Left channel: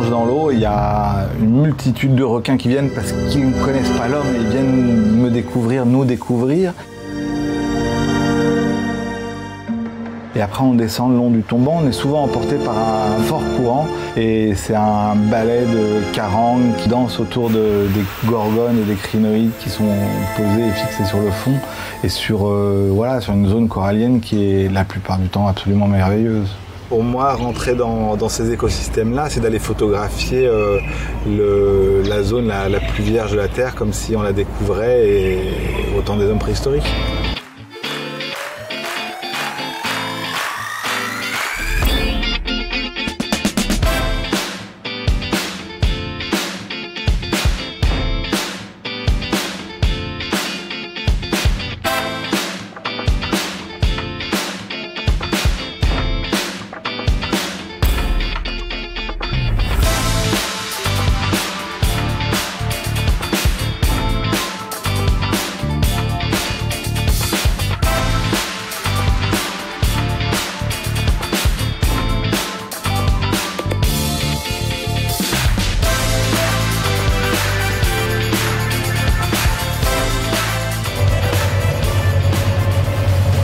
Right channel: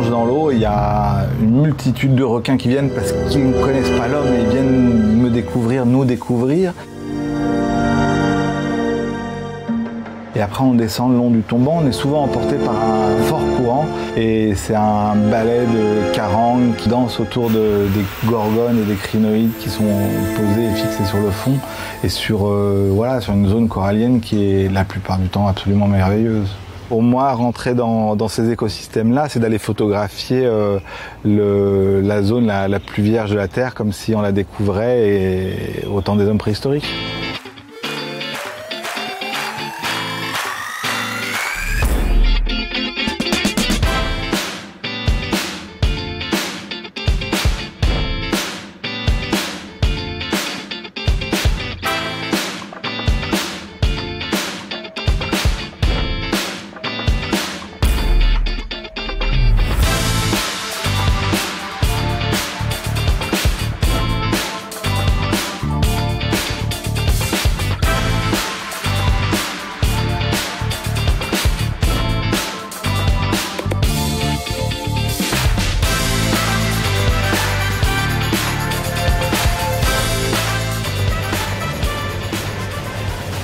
plonge dans l'eau, il y a une multitude de requins qui viennent parce qu'ils ne connaissent pas l'homme et ils viennent me découvrir, nous découvrir. Et après on descend le long du tombant, on est souvent emporté par un fort courant et c'est un balai de carangues qui dansent autour des gorgones et des crinoïdes qui sont posés et fixés sur le fond et sur une zone corallienne qui est la plupart du temps absolument merveilleuse. Pour moi, rentrer dans ces écosystèmes-là, c'est d'aller photographier la zone la plus vierge de la Terre comme si on la découvrait et au temps des hommes préhistoriques.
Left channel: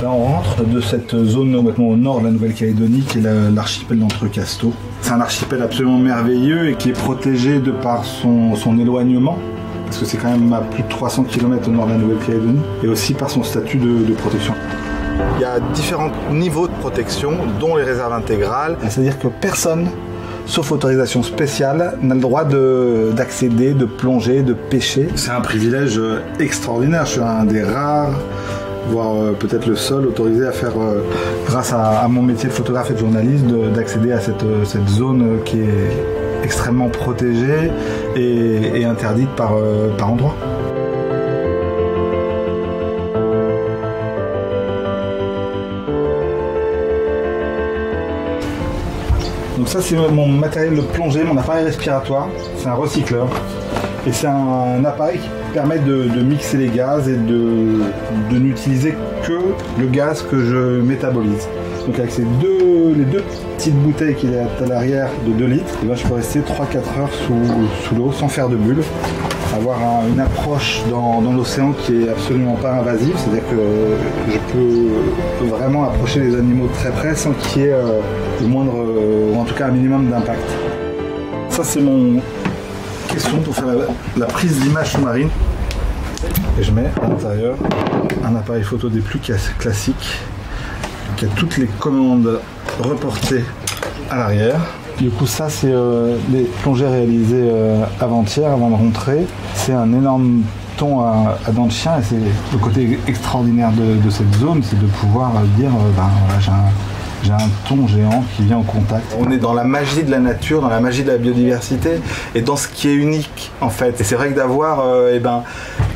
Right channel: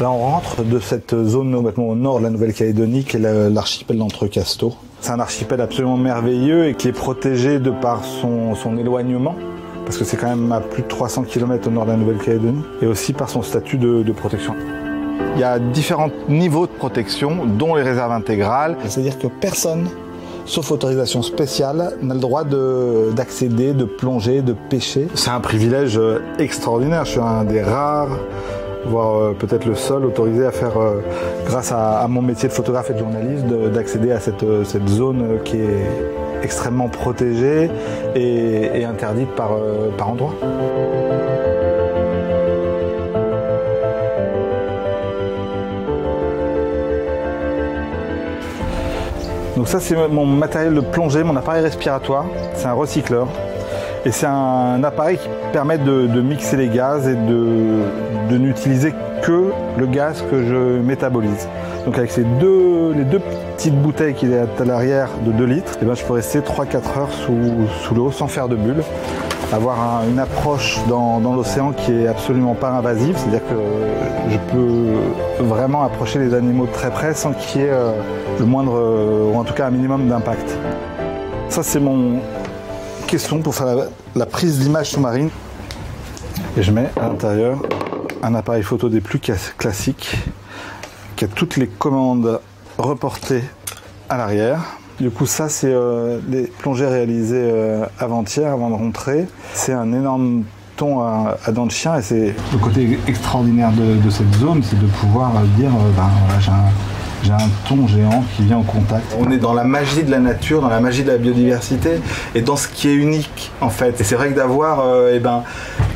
Là, on rentre de cette zone complètement au nord de la Nouvelle-Calédonie qui est l'archipel d'Entrecasteaux. C'est un archipel absolument merveilleux et qui est protégé de par son éloignement, parce que c'est quand même à plus de 300 km au nord de la Nouvelle-Calédonie, et aussi par son statut de protection. Il y a différents niveaux de protection, dont les réserves intégrales, c'est-à-dire que personne, sauf autorisation spéciale, n'a le droit d'accéder, de plonger, de pêcher. C'est un privilège extraordinaire, je suis un des rares, voire peut-être le seul autorisé à faire, grâce à mon métier de photographe et de journaliste, d'accéder à cette zone qui est extrêmement protégée et interdite par endroits. Donc ça c'est mon matériel de plongée, mon appareil respiratoire, c'est un recycleur. Et c'est un appareil qui permet de mixer les gaz et de n'utiliser que le gaz que je métabolise. Donc avec les deux petites bouteilles qu'il y a à l'arrière de 2 litres, et ben je peux rester 3-4 heures sous l'eau sans faire de bulles. Avoir une approche dans l'océan qui est absolument pas invasive, c'est-à-dire que je peux vraiment approcher les animaux de très près sans qu'il y ait le moindre, ou en tout cas un minimum d'impact. Ça c'est mon caisson pour faire la prise d'image sous-marine. Et je mets à l'intérieur un appareil photo des plus classiques qui a toutes les commandes reportées à l'arrière. Du coup ça c'est des plongées réalisées avant-hier, avant de rentrer. C'est un énorme thon à dents de chien et c'est le côté extraordinaire de cette zone, c'est de pouvoir dire voilà, j'ai un thon géant qui vient en contact. On est dans la magie de la nature, dans la magie de la biodiversité et dans ce qui est unique en fait. Et c'est vrai que d'avoir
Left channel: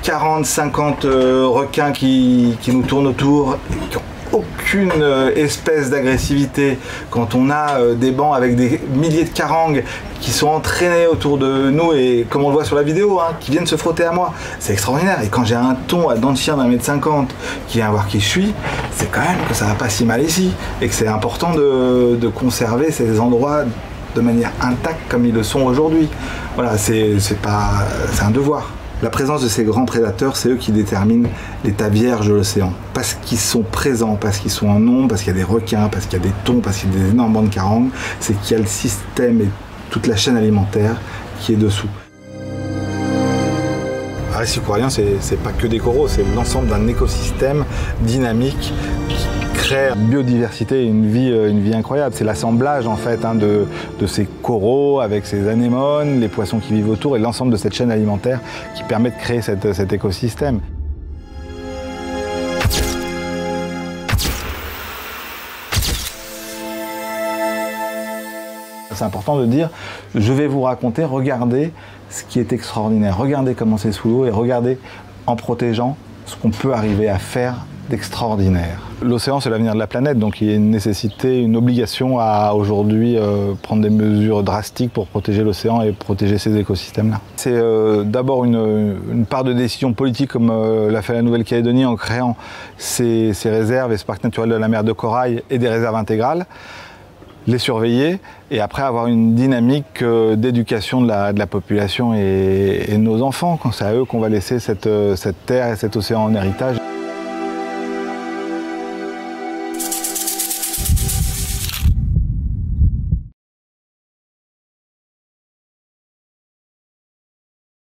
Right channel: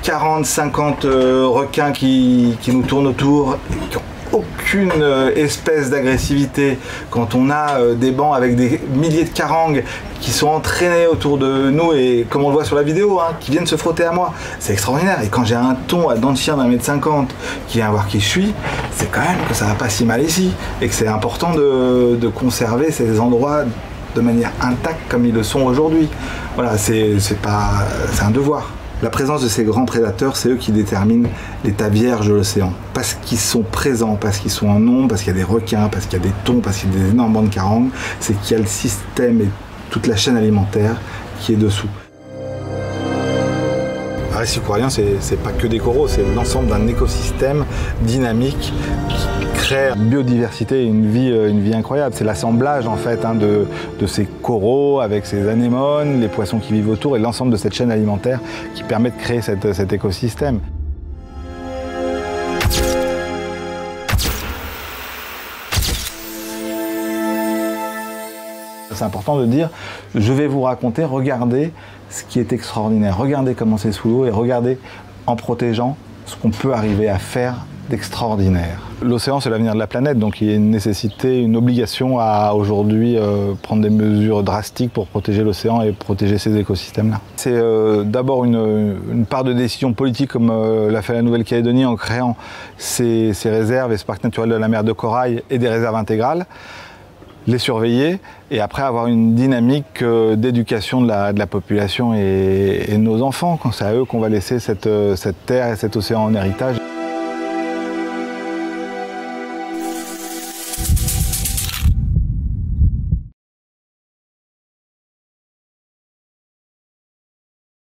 40, 50 requins qui nous tournent autour, qui n'ont aucune espèce d'agressivité, quand on a des bancs avec des milliers de carangues qui sont entraînés autour de nous et comme on le voit sur la vidéo, qui viennent se frotter à moi, c'est extraordinaire. Et quand j'ai un thon à dents de chien d'1,50 m qui vient voir qui je suis, c'est quand même que ça va pas si mal ici et que c'est important de conserver ces endroits de manière intacte comme ils le sont aujourd'hui. Voilà, c'est un devoir. La présence de ces grands prédateurs, c'est eux qui déterminent l'état vierge de l'océan. Parce qu'ils sont présents, parce qu'ils sont en nombre, parce qu'il y a des requins, parce qu'il y a des thons, parce qu'il y a des énormes bancs de carangues, c'est qu'il y a le système et toute la chaîne alimentaire qui est dessous. Un récif corallien, c'est pas que des coraux, c'est l'ensemble d'un écosystème dynamique qui crée une biodiversité et une vie incroyable. C'est l'assemblage en fait de ces coraux avec ces anémones, les poissons qui vivent autour et l'ensemble de cette chaîne alimentaire qui permet de créer cet écosystème. C'est important de dire, je vais vous raconter, regardez ce qui est extraordinaire, regardez comment c'est sous l'eau et regardez en protégeant ce qu'on peut arriver à faire d'extraordinaire. L'océan, c'est l'avenir de la planète, donc il y a une nécessité, une obligation à aujourd'hui prendre des mesures drastiques pour protéger l'océan et protéger ces écosystèmes-là. C'est d'abord une part de décision politique comme l'a fait la Nouvelle-Calédonie en créant ces réserves et ce parc naturel de la mer de Corail et des réserves intégrales. les surveiller et après avoir une dynamique d'éducation de la population et de nos enfants. C'est à eux qu'on va laisser cette terre et cet océan en héritage.